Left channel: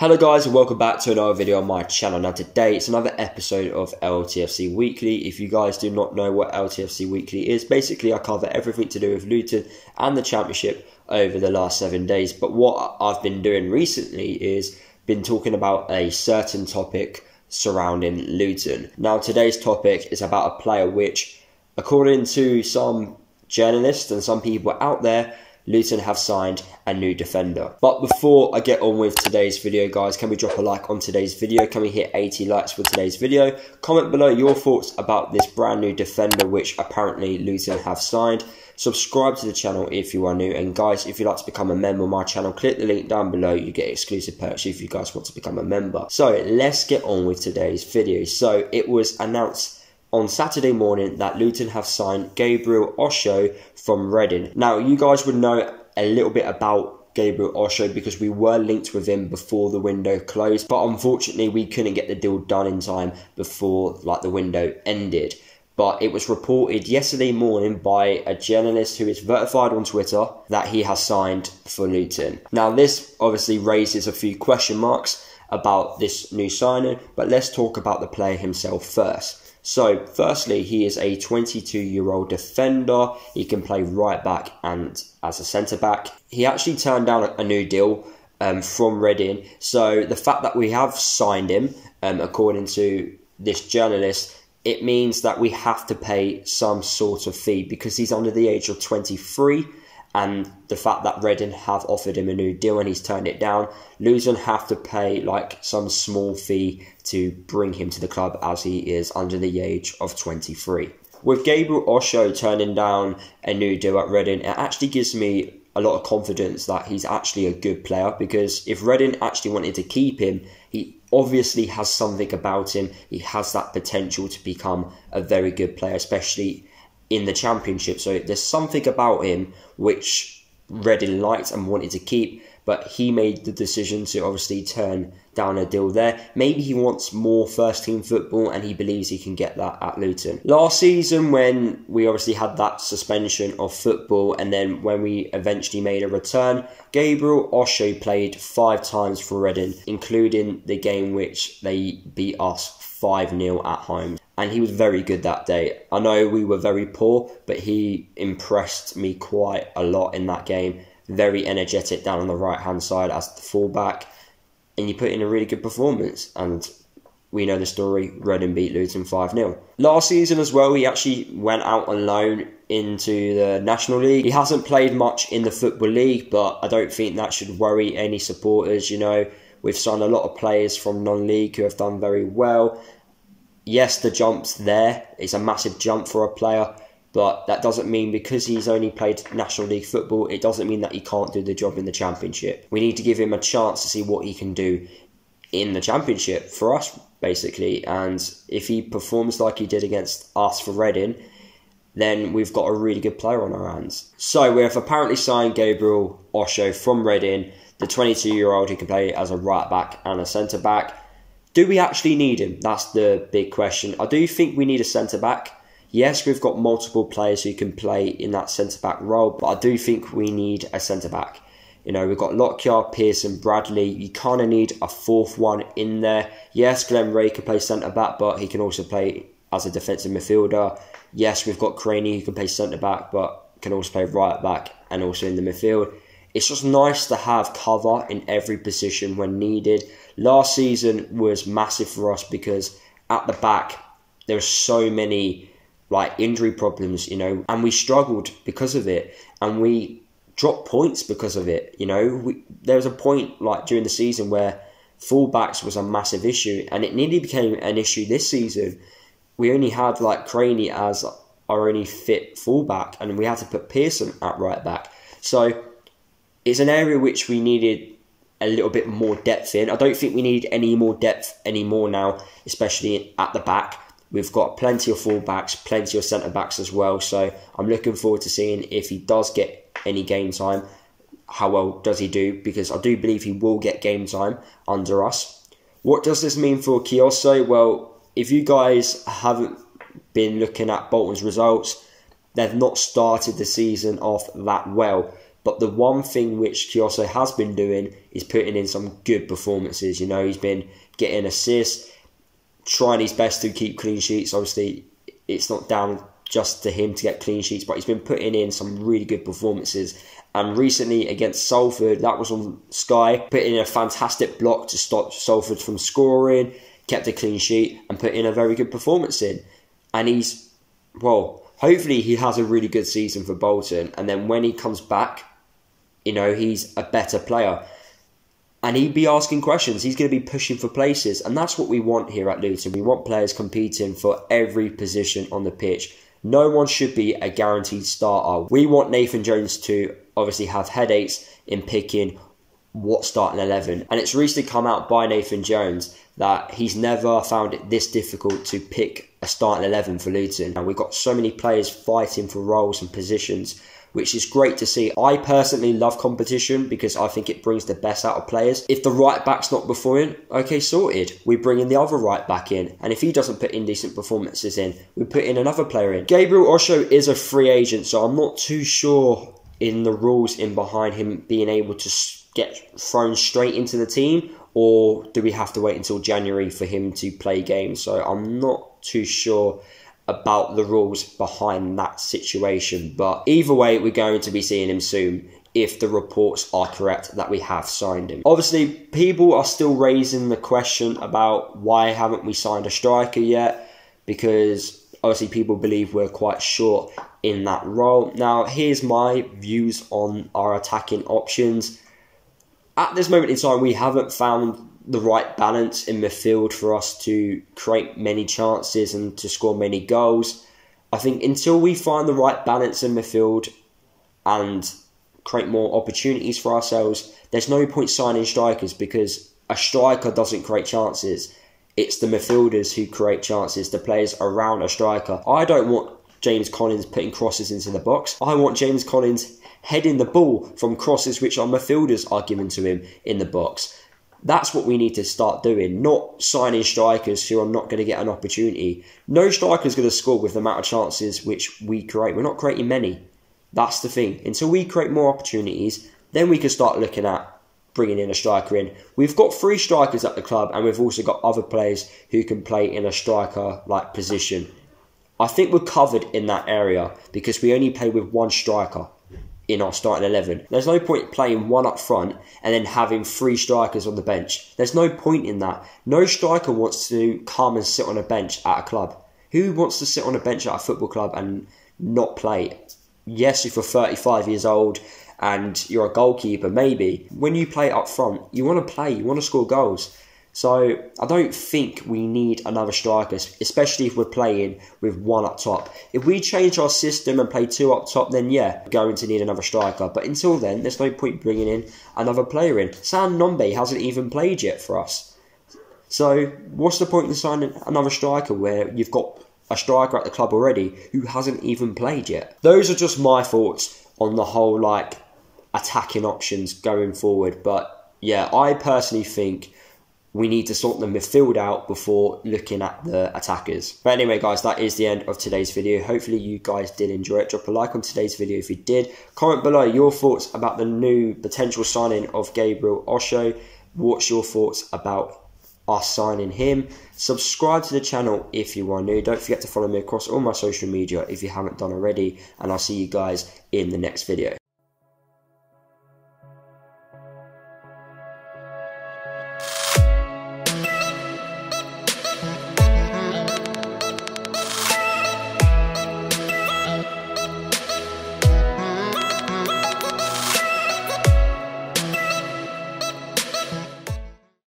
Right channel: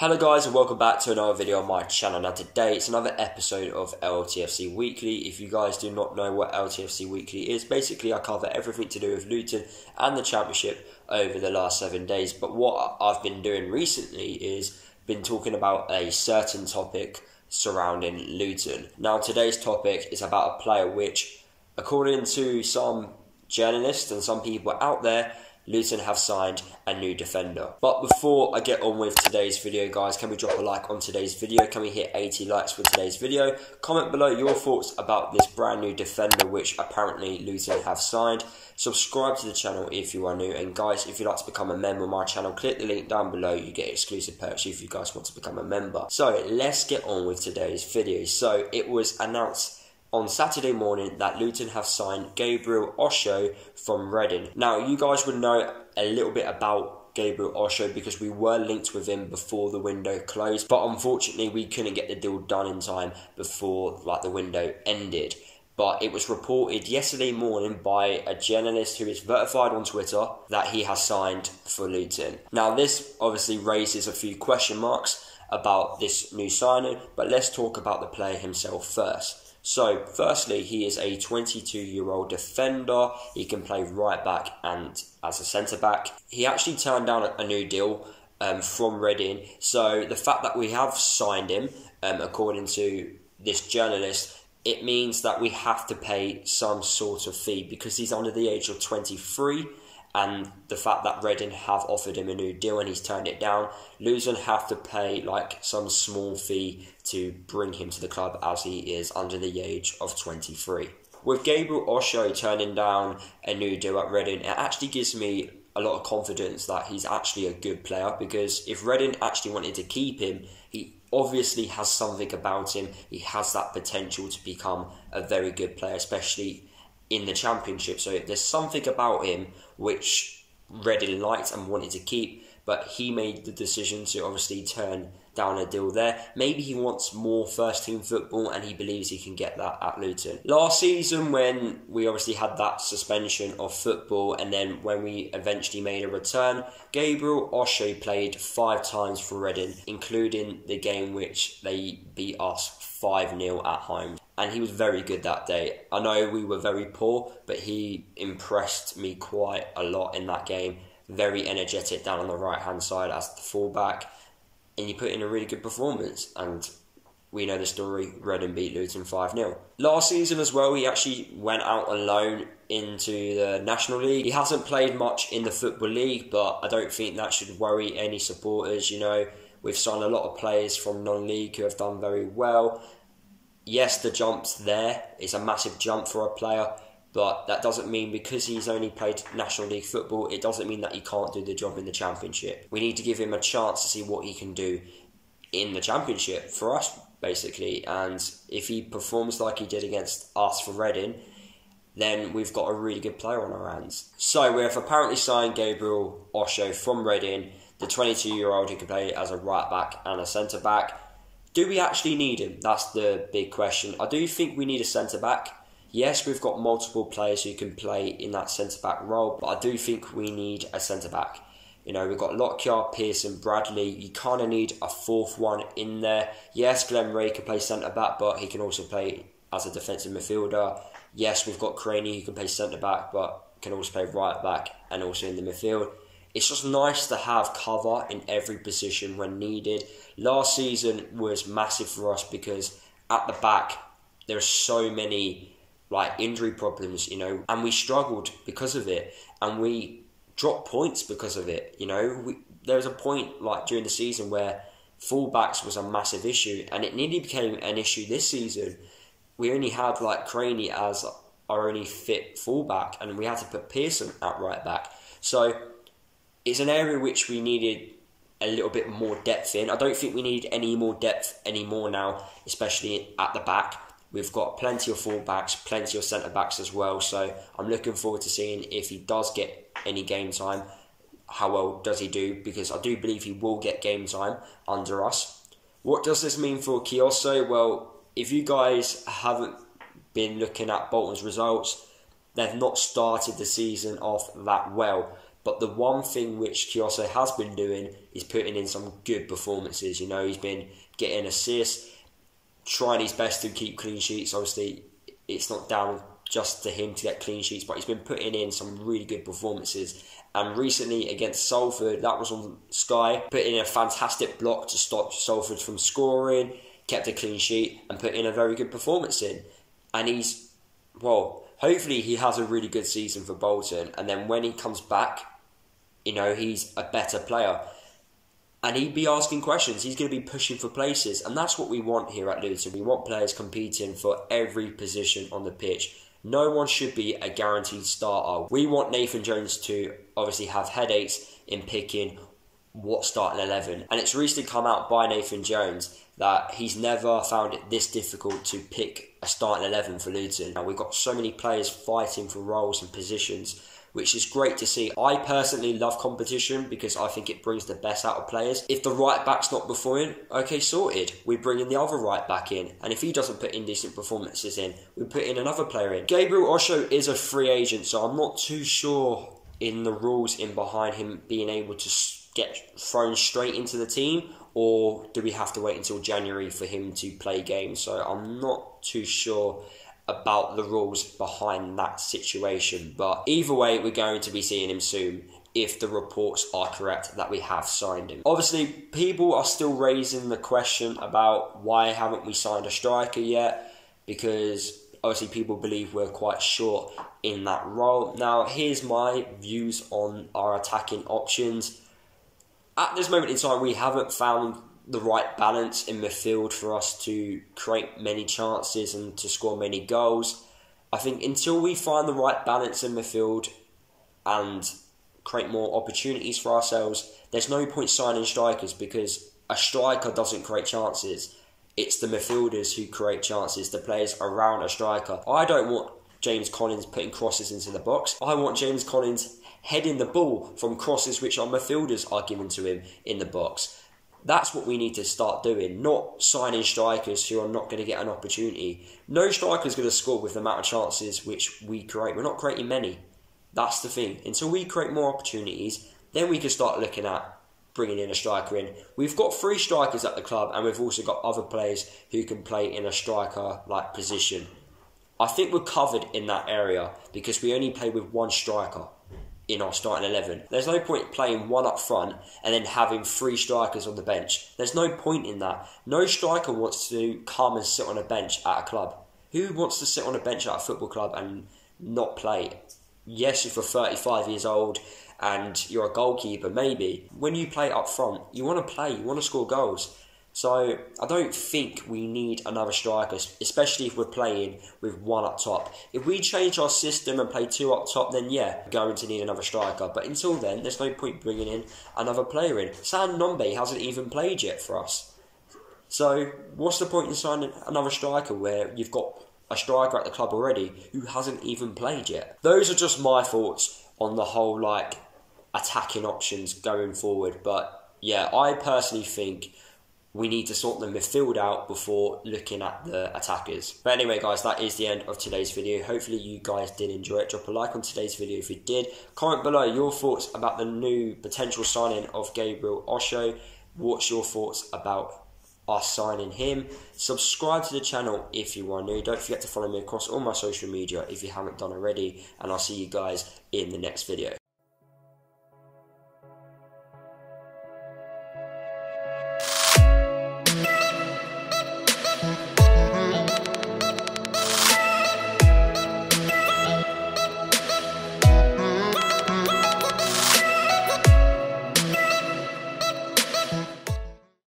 Hello guys and welcome back to another video on my channel. Now today it's another episode of LTFC Weekly. If you guys do not know what LTFC Weekly is, basically I cover everything to do with Luton and the Championship over the last 7 days. But what I've been doing recently is been talking about a certain topic surrounding Luton. Now today's topic is about a player which, according to some journalists and some people out there, Luton have signed a new defender. But before I get on with today's video, guys, can we drop a like on today's video? Can we hit 80 likes for today's video? Comment below your thoughts about this brand new defender which apparently Luton have signed. Subscribe to the channel if you are new, and guys, if you'd like to become a member of my channel, click the link down below. You get exclusive perks if you guys want to become a member. So let's get on with today's video. So it was announced on Saturday morning that Luton have signed Gabriel Osho from Reading. Now, you guys would know a little bit about Gabriel Osho because we were linked with him before the window closed, but unfortunately we couldn't get the deal done in time before the window ended. But it was reported yesterday morning by a journalist who is verified on Twitter that he has signed for Luton. Now, this obviously raises a few question marks about this new signing, but let's talk about the player himself first. So, firstly, he is a 22-year-old defender. He can play right back and as a centre-back. He actually turned down a new deal from Reading. So, the fact that we have signed him, according to this journalist, it means that we have to pay some sort of fee because he's under the age of 23. And the fact that Reading have offered him a new deal and he's turned it down, Luton have to pay some small fee to bring him to the club as he is under the age of 23. With Gabriel Osho turning down a new deal at Reading, it actually gives me a lot of confidence that he's actually a good player, because if Reading actually wanted to keep him, he obviously has something about him. He has that potential to become a very good player, especially in the Championship. So there's something about him which Reading liked and wanted to keep, but he made the decision to obviously turn down a deal there. Maybe he wants more first team football and he believes he can get that at Luton. Last season, when we obviously had that suspension of football and then when we eventually made a return, Gabriel Osho played 5 times for Reading, including the game which they beat us 5-0 at home. And he was very good that day. I know we were very poor, but he impressed me quite a lot in that game. Very energetic down on the right-hand side as the fullback. And he put in a really good performance. And we know the story. Reading beat Luton 5-0. Last season as well, he actually went out on loan into the National League. He hasn't played much in the Football League, but I don't think that should worry any supporters. You know, we've signed a lot of players from non-league who have done very well. Yes, the jump's there. It's a massive jump for a player, but that doesn't mean because he's only played National League football, it doesn't mean that he can't do the job in the Championship. We need to give him a chance to see what he can do in the Championship for us, basically. And if he performs like he did against us for Reading, then we've got a really good player on our hands. So we have apparently signed Gabriel Osho from Reading, the 22-year-old who can play as a right back and a centre back. Do we actually need him? That's the big question. I do think we need a centre-back. Yes, we've got multiple players who can play in that centre-back role, but I do think we need a centre-back. You know, we've got Lockyer, Pearson, Bradley. You kind of need a fourth one in there. Yes, Glenn Ray can play centre-back, but he can also play as a defensive midfielder. Yes, we've got Craney who can play centre-back, but can also play right-back and also in the midfield. It's just nice to have cover in every position when needed. Last season was massive for us because at the back, there were so many injury problems, you know, and we struggled because of it. And we dropped points because of it, you know. There was a point during the season where fullbacks was a massive issue, and it nearly became an issue this season. We only had Craney as our only fit fullback, and we had to put Pearson at right back. So it's an area which we needed a little bit more depth in. I don't think we need any more depth anymore now, especially at the back. We've got plenty of fullbacks, plenty of centre-backs as well. So I'm looking forward to seeing if he does get any game time. How well does he do? Because I do believe he will get game time under us. What does this mean for Kioso? Well, if you guys haven't been looking at Bolton's results, they've not started the season off that well. But the one thing which Kioso has been doing is putting in some good performances. You know, he's been getting assists, trying his best to keep clean sheets. Obviously, it's not down just to him to get clean sheets, but he's been putting in some really good performances. And recently against Salford, that was on Sky, put in a fantastic block to stop Salford from scoring, kept a clean sheet and put in a very good performance in. And he's, well, hopefully he has a really good season for Bolton. And then when he comes back, you know, he's a better player. And he'd be asking questions. He's going to be pushing for places. And that's what we want here at Luton. We want players competing for every position on the pitch. No one should be a guaranteed starter. We want Nathan Jones to obviously have headaches in picking what starting 11. And it's recently come out by Nathan Jones that he's never found it this difficult to pick a starting 11 for Luton. And we've got so many players fighting for roles and positions, which is great to see. I personally love competition because I think it brings the best out of players. If the right back's not performing, okay, sorted. We bring in the other right back in. And if he doesn't put in decent performances in, we put in another player in. Gabriel Osho is a free agent, so I'm not too sure in the rules in behind him being able to get thrown straight into the team, or do we have to wait until January for him to play games? So I'm not too sure about the rules behind that situation, but either way we're going to be seeing him soon if the reports are correct that we have signed him. Obviously people are still raising the question about why haven't we signed a striker yet, because obviously people believe we're quite short in that role. Now here's my views on our attacking options. At this moment in time we haven't found the right balance in midfield for us to create many chances and to score many goals. I think until we find the right balance in midfield and create more opportunities for ourselves, there's no point signing strikers, because a striker doesn't create chances. It's the midfielders who create chances, the players around a striker. I don't want James Collins putting crosses into the box. I want James Collins heading the ball from crosses which our midfielders are giving to him in the box. That's what we need to start doing, not signing strikers who are not going to get an opportunity. No striker is going to score with the amount of chances which we create. We're not creating many. That's the thing. Until we create more opportunities, then we can start looking at bringing in a striker in. We've got 3 strikers at the club, and we've also got other players who can play in a striker-like position. I think we're covered in that area because we only play with 1 striker in our starting 11. There's no point playing 1 up front and then having 3 strikers on the bench. There's no point in that. No striker wants to come and sit on a bench at a club. Who wants to sit on a bench at a football club and not play? Yes, if you're 35 years old and you're a goalkeeper, maybe. When you play up front, you want to play, you want to score goals. So I don't think we need another striker, especially if we're playing with 1 up top. If we change our system and play 2 up top, then yeah, we're going to need another striker. But until then, there's no point bringing in another player in. Sam Nombe hasn't even played yet for us. So what's the point in signing another striker where you've got a striker at the club already who hasn't even played yet? Those are just my thoughts on the whole attacking options going forward. But yeah, I personally think we need to sort the midfield out before looking at the attackers. But anyway, guys, that is the end of today's video. Hopefully you guys did enjoy it. Drop a like on today's video if you did. Comment below your thoughts about the new potential signing of Gabriel Osho. What's your thoughts about us signing him? Subscribe to the channel if you are new. Don't forget to follow me across all my social media if you haven't done already. And I'll see you guys in the next video.